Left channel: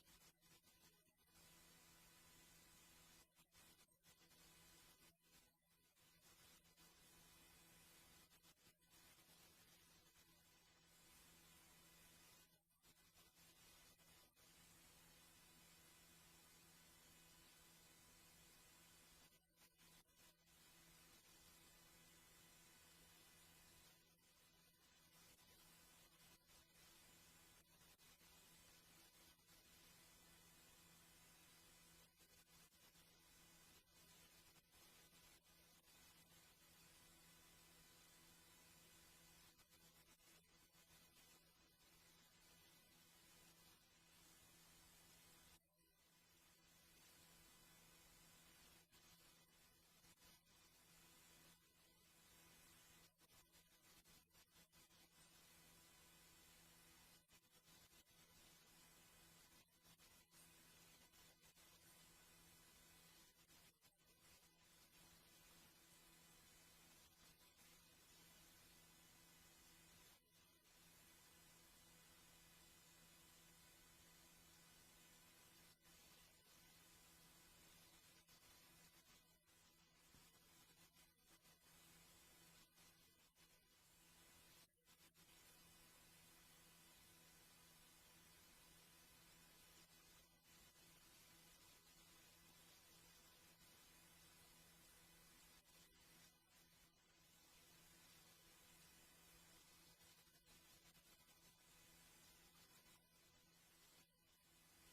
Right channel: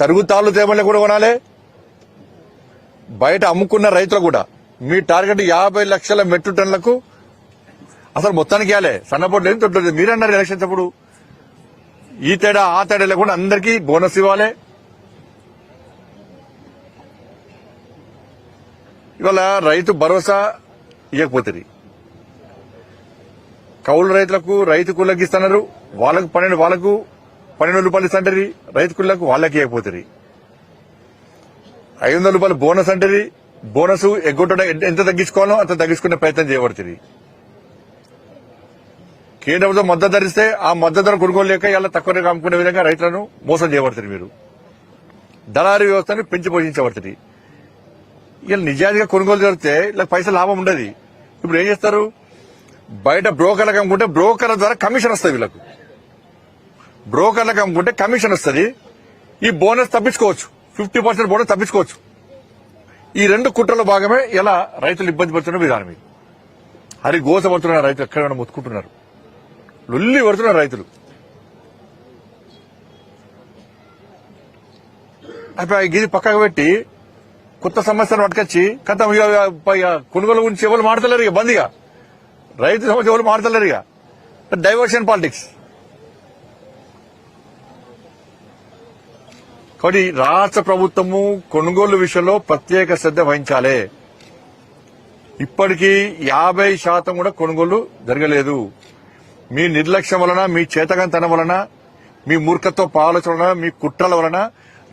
తరుగుతాళ్ళు తేమలే కూడా కొనాలి. బయట అమ్ముకున్న రైతులు కూడా మీ టార్గెట్ 50 లక్షల మెట్రిక్ టన్నులకు అసలు మొత్తానికి ఇవ్వాలి. సన్నపోటు లేదు, తొట్టు. మీరన్నారు ఎలక్షన్స్ అప్పుడు ఈ తేడా ఆ తేడా లేకుండా అందరికీ బోనస్ ఇవ్వాలి. ఇవాళ రైతు భరోసా ఇవ్వకపోతుంది. కౌలు రైతులకు రైతు కూలకి ఇస్తున్నారు. వాళ్ళకు 12 రూపాయలు ఇస్తుంటారు. రైతు కూలకు వాళ్ళకి ఇవ్వకపోతుంది. 500 రూపాయలు బోనస్ అంటది. బోనస్ ఎగ్గొట్టడం ఎంత తగ్గించుకోవాలో అంత తగ్గించుకునే ప్రయత్నం చేయబడుతుంది. కేంద్రంతో మద్దతు ధరిస్తే ఆ మద్దతు ధర కొనుగోలు లేక ఇలా తక్కువ రేటు అమ్ముకునే విధంగా రైతులను మోసం చేయబడుతుంది. మీరు దళారీ వ్యవస్థను పెంచి పోషించబడుతుంది. ఇలా నిజాయితీగా కొనుగోలు జరిగితే ఇలా పైసలు లాభం ఉండదు. ఇప్పుడు ఏం చేస్తారు, బయట బ్రోకర్లకు అమ్ముకుంటే బ్రోకర్ల ద్వారా కమిషన్ వస్తుంది. వీళ్ళకు బ్రోకర్లకు అమ్ముకుంటే కమిషన్ వస్తుంది. ఈ బోనస్ తప్పించుకోవచ్చు, 50% బోనస్ తప్పించుకోవచ్చు. ఈ రెండు కుట్రలో భాగమే ఇలా రైతులు ఇబ్బంది పడుతున్న విధానం. ఇది హరి గోస పడుతున్నారు రైతులు, ఎక్కడైనా మొత్తుకుంటున్నారు, లొల్లి పడుతున్నారు రైతులు. ఇది పక్కకు పెట్టి కొత్త సమస్యను పట్టుకొచ్చి కథ కొనుగోలు గురించి ఎవరు మాడతలేరు. ఇక బందిగా రైతు సమస్య ఎవరు మాడతలేరు. ఇక డైవర్షన్ పాలిటిక్స్. కాబట్టి రాష్ట్ర ప్రభుత్వము కొనుగోలు విషయంలో ప్రత్యేక శ్రద్ధ వహించాలి. ఇప్పటికీ 50% కూడా కొనుగోలు జరగలేదు. మీ నిర్లక్ష్యం వలన, మీ చేతకంతనం వలన, మీ మూర్ఖత్వ ఆలోచన వలన, మీ కుట్రల వలన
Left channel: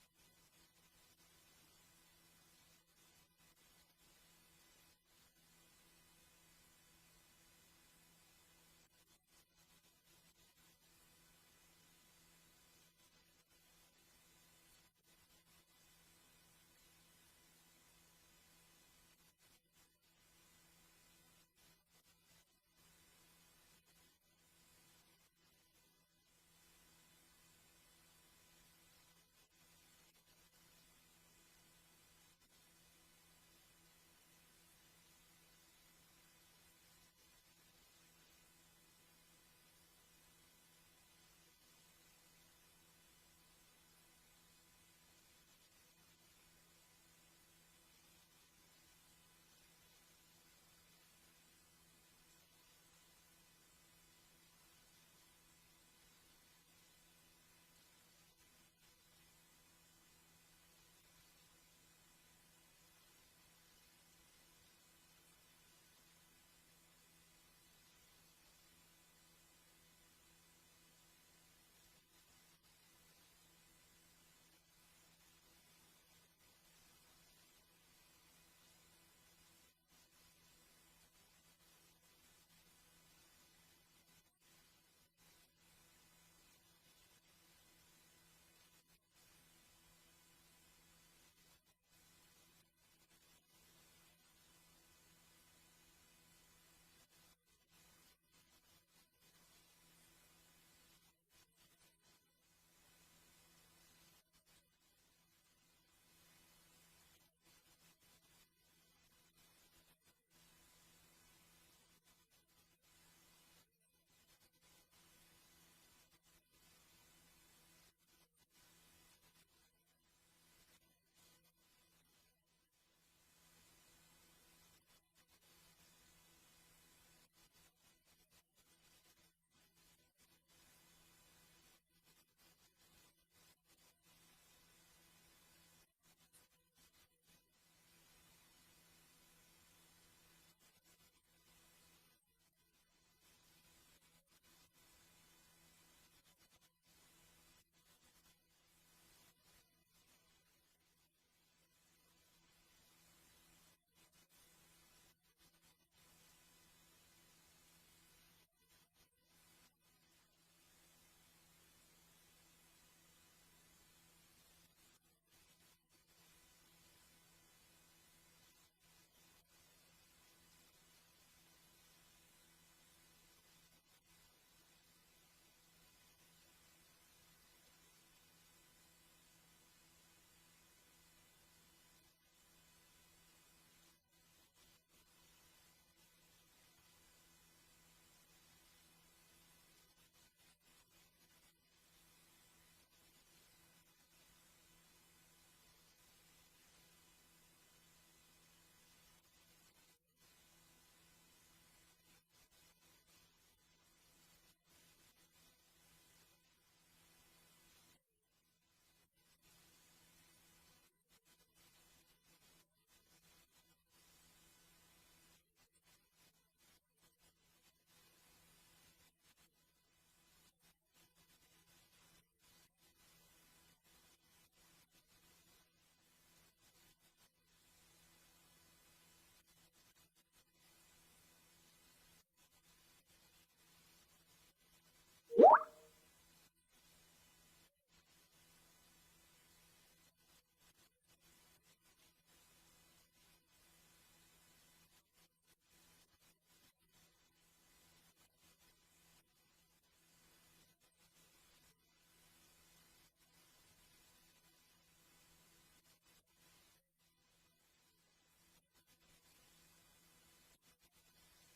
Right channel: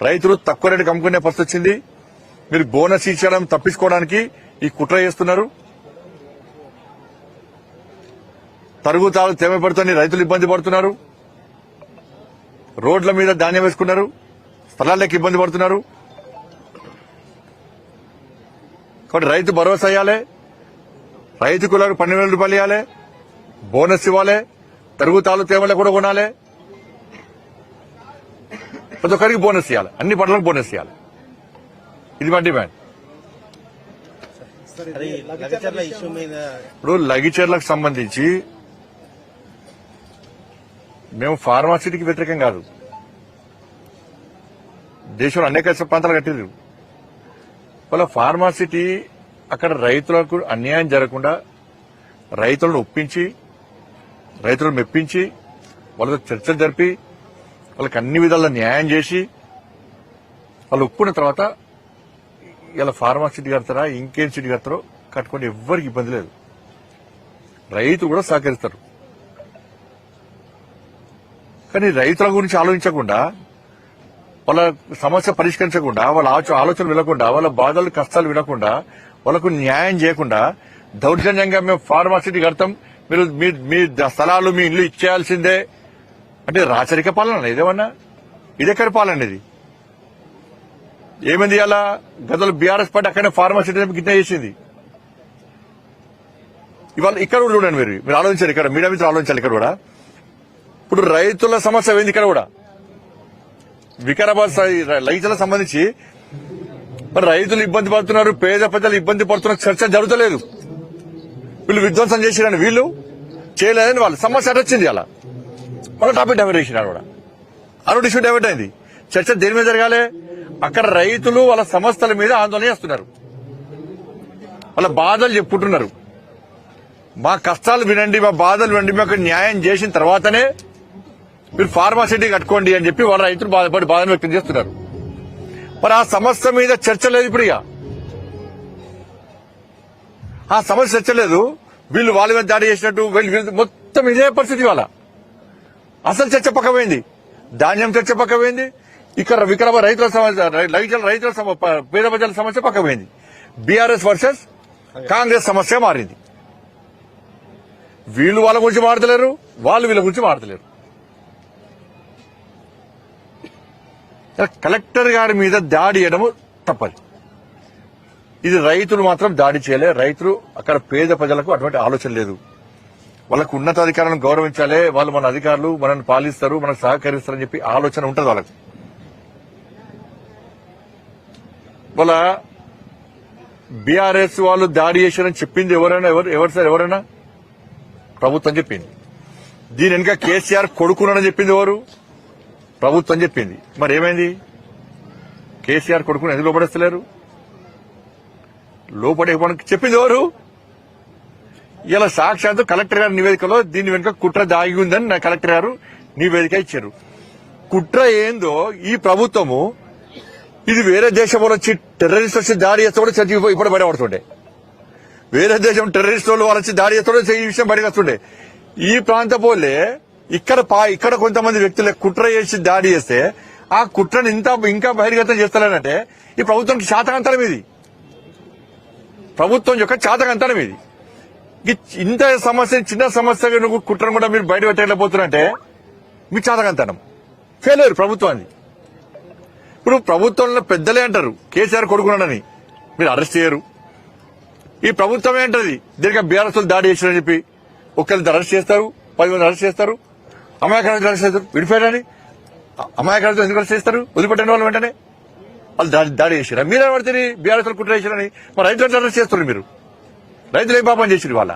రైతులు తక్కువ రేటుకి అమ్ముకునే పరిస్థితి వచ్చింది. మీరు బోనస్ ఇచ్చడం తప్పించుకోవడానికి ఈ కుట్ర చేస్తున్నారు. తరుగుతాలు తేమ పడుతుంది, రైతులు ఇబ్బంది పడుతున్నారు. రోడ్ల మీద ధాన్యం వేసుకున్నారు, స్థలాలకు ఇబ్బంది పడుతున్నారు. కాబట్టి రైతు భరోసా ఇవ్వాలి, రైతు కులకు 12,000 రూపాయలు ఇవ్వాలి, బోనస్ ఇవ్వాలి, తరుగుతాలు తేమలు కూడా కొనాలి. ప్రతి ఒక్కరికి బోనస్ ఇవ్వాలి, అన్ని పంటలకు బోనస్ ఇవ్వాలి. ఇది మా డిమాండ్. ఇప్పుడు లగిచర్లకు సంబంధించి మేము ఫార్మాసిటీకి వ్యతిరేకం కాదు. దేశంలో అనేక ప్రాంతాలు కట్టిరు. వాళ్ళ ఫార్మాసిటీ అక్కడ రైతులకు అన్యాయం జరగకుండా రైతులను ఒప్పించి, రైతులను మెప్పించి, వాళ్ళతో చర్చలు జరిపి, వాళ్ళకి అన్ని విధాల న్యాయం చేసి వాళ్ళు ఒప్పుకున్న తర్వాత ఇలా ఫార్మాసిటీ కడతారా ఇంకేం సిటీ కడతారో కట్టుకుంటే ఎవ్వరికి ఇబ్బంది లేదు. రైతు కూడా సహకరిస్తారు. కానీ రైతుల గురించి ఆలోచించకుండా, వాళ్ళ సమస్య పరిష్కరించకుండా, వాళ్ళ ఆలోచనలు వినకుండా, వాళ్ళ బాధలు కష్టాలు వినకుండా, వాళ్ళకు న్యాయం చేయకుండా దౌర్జన్యంగా మేము ఫార్మాసిటీ కడతాం, మీరు మీ స్థలాలు మీ ఇల్లు ఇచ్చేయాల్సిందే అంటే రాచరిక పాలన ఇదేమన్నా? ఇదెక్కడి పాలన? ఇది ఏమైంది? అలా గతంలో బీఆర్ఎస్ పార్టీ అక్కడనే ఫార్మాసిటీ గిట్ట చేసింది. ఇవాళ ఇక్కడ కూడా చూడండి, మీరు ఆలోచించారు. ఇక్కడ మీడియా మీద ఆలోచించాలి. ఇక్కడ కూడా ఇప్పుడు రైతుల సమస్య ఏంది? ఇక్కడ కూడా వికారాబాద్ రైతులకు సంబంధించి మరి రైతులు ఇబ్బంది పడుతున్నారు, పేద ప్రజలు ఇబ్బంది పడుతున్న చర్చ జరుగుతలేదు. వీళ్ళు విధ్వంసం చేసిరని వీళ్ళు చేయలేదని వాళ్ళు సమస్య వచ్చింది. అలా వాళ్ళ టాపిక్ డైవర్ట్ చేసినారు. కూడా అదొక ఇష్యూ డైవర్ట్ అయింది. చర్చ దేని మీద జరగాలి? అక్కడ రైతులు వాళ్ళ సమస్యల మీద ఆందోళన చేస్తున్నారు, వాళ్ళ బాధలు చెప్పుకుంటున్నారు. మా కష్టాలు వినండి, మా బాధలు వినండి, మాకు న్యాయం చేసిన తర్వాతనే మీరు ఫార్మాసిటీ కట్టుకోండి అని చెప్పి వాళ్ళ రైతులు బాధను వ్యక్తం చేస్తున్నారు. మరి ఆ సమస్య మీద చర్చ లేదు. ఇప్పుడు ఇక ఆ సమస్య చర్చ లేదు. వీళ్ళు వాళ్ళ మీద దాడి చేసినట్టు వీళ్ళు మొత్తం ఇదే పరిస్థితి. వాళ్ళ అసలు చర్చ పక్కపోయింది, ధాన్యం చర్చ పక్కపోయింది. ఇక్కడ వికారాబాద్ రైతుల పేద ప్రజల సమస్య పక్కపోయింది. బీఆర్ఎస్ వర్సెస్ కాంగ్రెస్ సమస్య మారింది. వీళ్ళు వాళ్ళ గురించి మాడతలేరు, వాళ్ళు వీళ్ళ గురించి మాడతలేరు. కలెక్టర్ గారి మీద దాడి చేయడము తప్పదు. ఇది రైతులు మాత్రం దాడి చేయలే. రైతులు అక్కడ పేద ప్రజలకు అటువంటి ఆలోచన లేదు. వాళ్ళకు ఉన్నతాధికారులను గౌరవించాలి, వాళ్ళు మన అధికారులు మనల్ని పాలిస్తారు, మనకు సహకరిస్తారని చెప్పి ఆలోచన ఉంటుంది వాళ్ళకు. వాళ్ళ బీఆర్ఎస్ వాళ్ళు దాడి చేశారని చెప్పింది ఎవరైనా ప్రభుత్వం చెప్పింది. దీని వెనుక కేసీఆర్ కొడుకునని చెప్పింది ఎవరు? ప్రభుత్వం చెప్పింది. మరి ఏమైంది? కేసీఆర్ కొడుకుని ఎందుకు లోపడేస్తలేరు? లోపడేయడానికి చెప్పింది ఎవరు? ఇలా సాక్షాత్తు కలెక్టర్ గారి నివేదికలో దీని వెనుక కుట్ర దాగి ఉందని నా కలెక్టర్ గారు నివేదిక ఇచ్చారు. కుట్ర ఏందో ఈ ప్రభుత్వము ఇది వేరే దేశం వాళ్ళు వచ్చి టెర్రరిస్ట్ వచ్చి దాడి చేస్తే కూడా చర్చ ఇప్పుడు బయటపడుతుండే. వేరే దేశం టెర్రరిస్ట్ వాళ్ళు వచ్చి దాడి చేస్తే ఈ విషయం బయటకు వస్తుండే. ఈ ప్రాంత పోలే ఇక్కడ కొంతమంది వ్యక్తులు కుట్ర చేసి దాడి చేస్తే ఆ కుట్రను ఇంకా బహిర్గతం చేస్తారంటే ఈ ప్రభుత్వానికి శాతకంతరం ఇది. ప్రభుత్వం యొక్క శాతకంతరం ఇది. ఇంత సమస్య చిన్న సమస్య కుట్రను కూడా మీరు బయట పెట్టలేకపోతున్నారంటే మీ శాతకంతనం ఫెయిల్యూర్ ప్రభుత్వాన్ని. ఇప్పుడు ప్రభుత్వంలో పెద్దలే అంటారు కేసీఆర్ కొడుకున్నాడని, మీరు అరెస్ట్ చేయరు. ఈ ప్రభుత్వమే అంటది దీనికి బీఆర్ఎస్ దాడి చేశారని చెప్పి ఒక్కరిని అరెస్ట్ చేస్తారు, 10 మంది అరెస్ట్ చేస్తారు, అమాయకులను అరెస్ట్ చేస్తారు. విడిపోయారని అమాయకులతో ఎందుకు అరెస్ట్ చేస్తారు? వదిలిపెట్టిన వాళ్ళు వెంటనే వాళ్ళు దాడి చేశారా? మీరే పడితే బీఆర్ఎస్ కుట్ర చేశారని మరి రైతులను అరెస్ట్ చేస్తారు. మీరు రైతులు ఏం పాపం చేసిరు వాళ్ళ?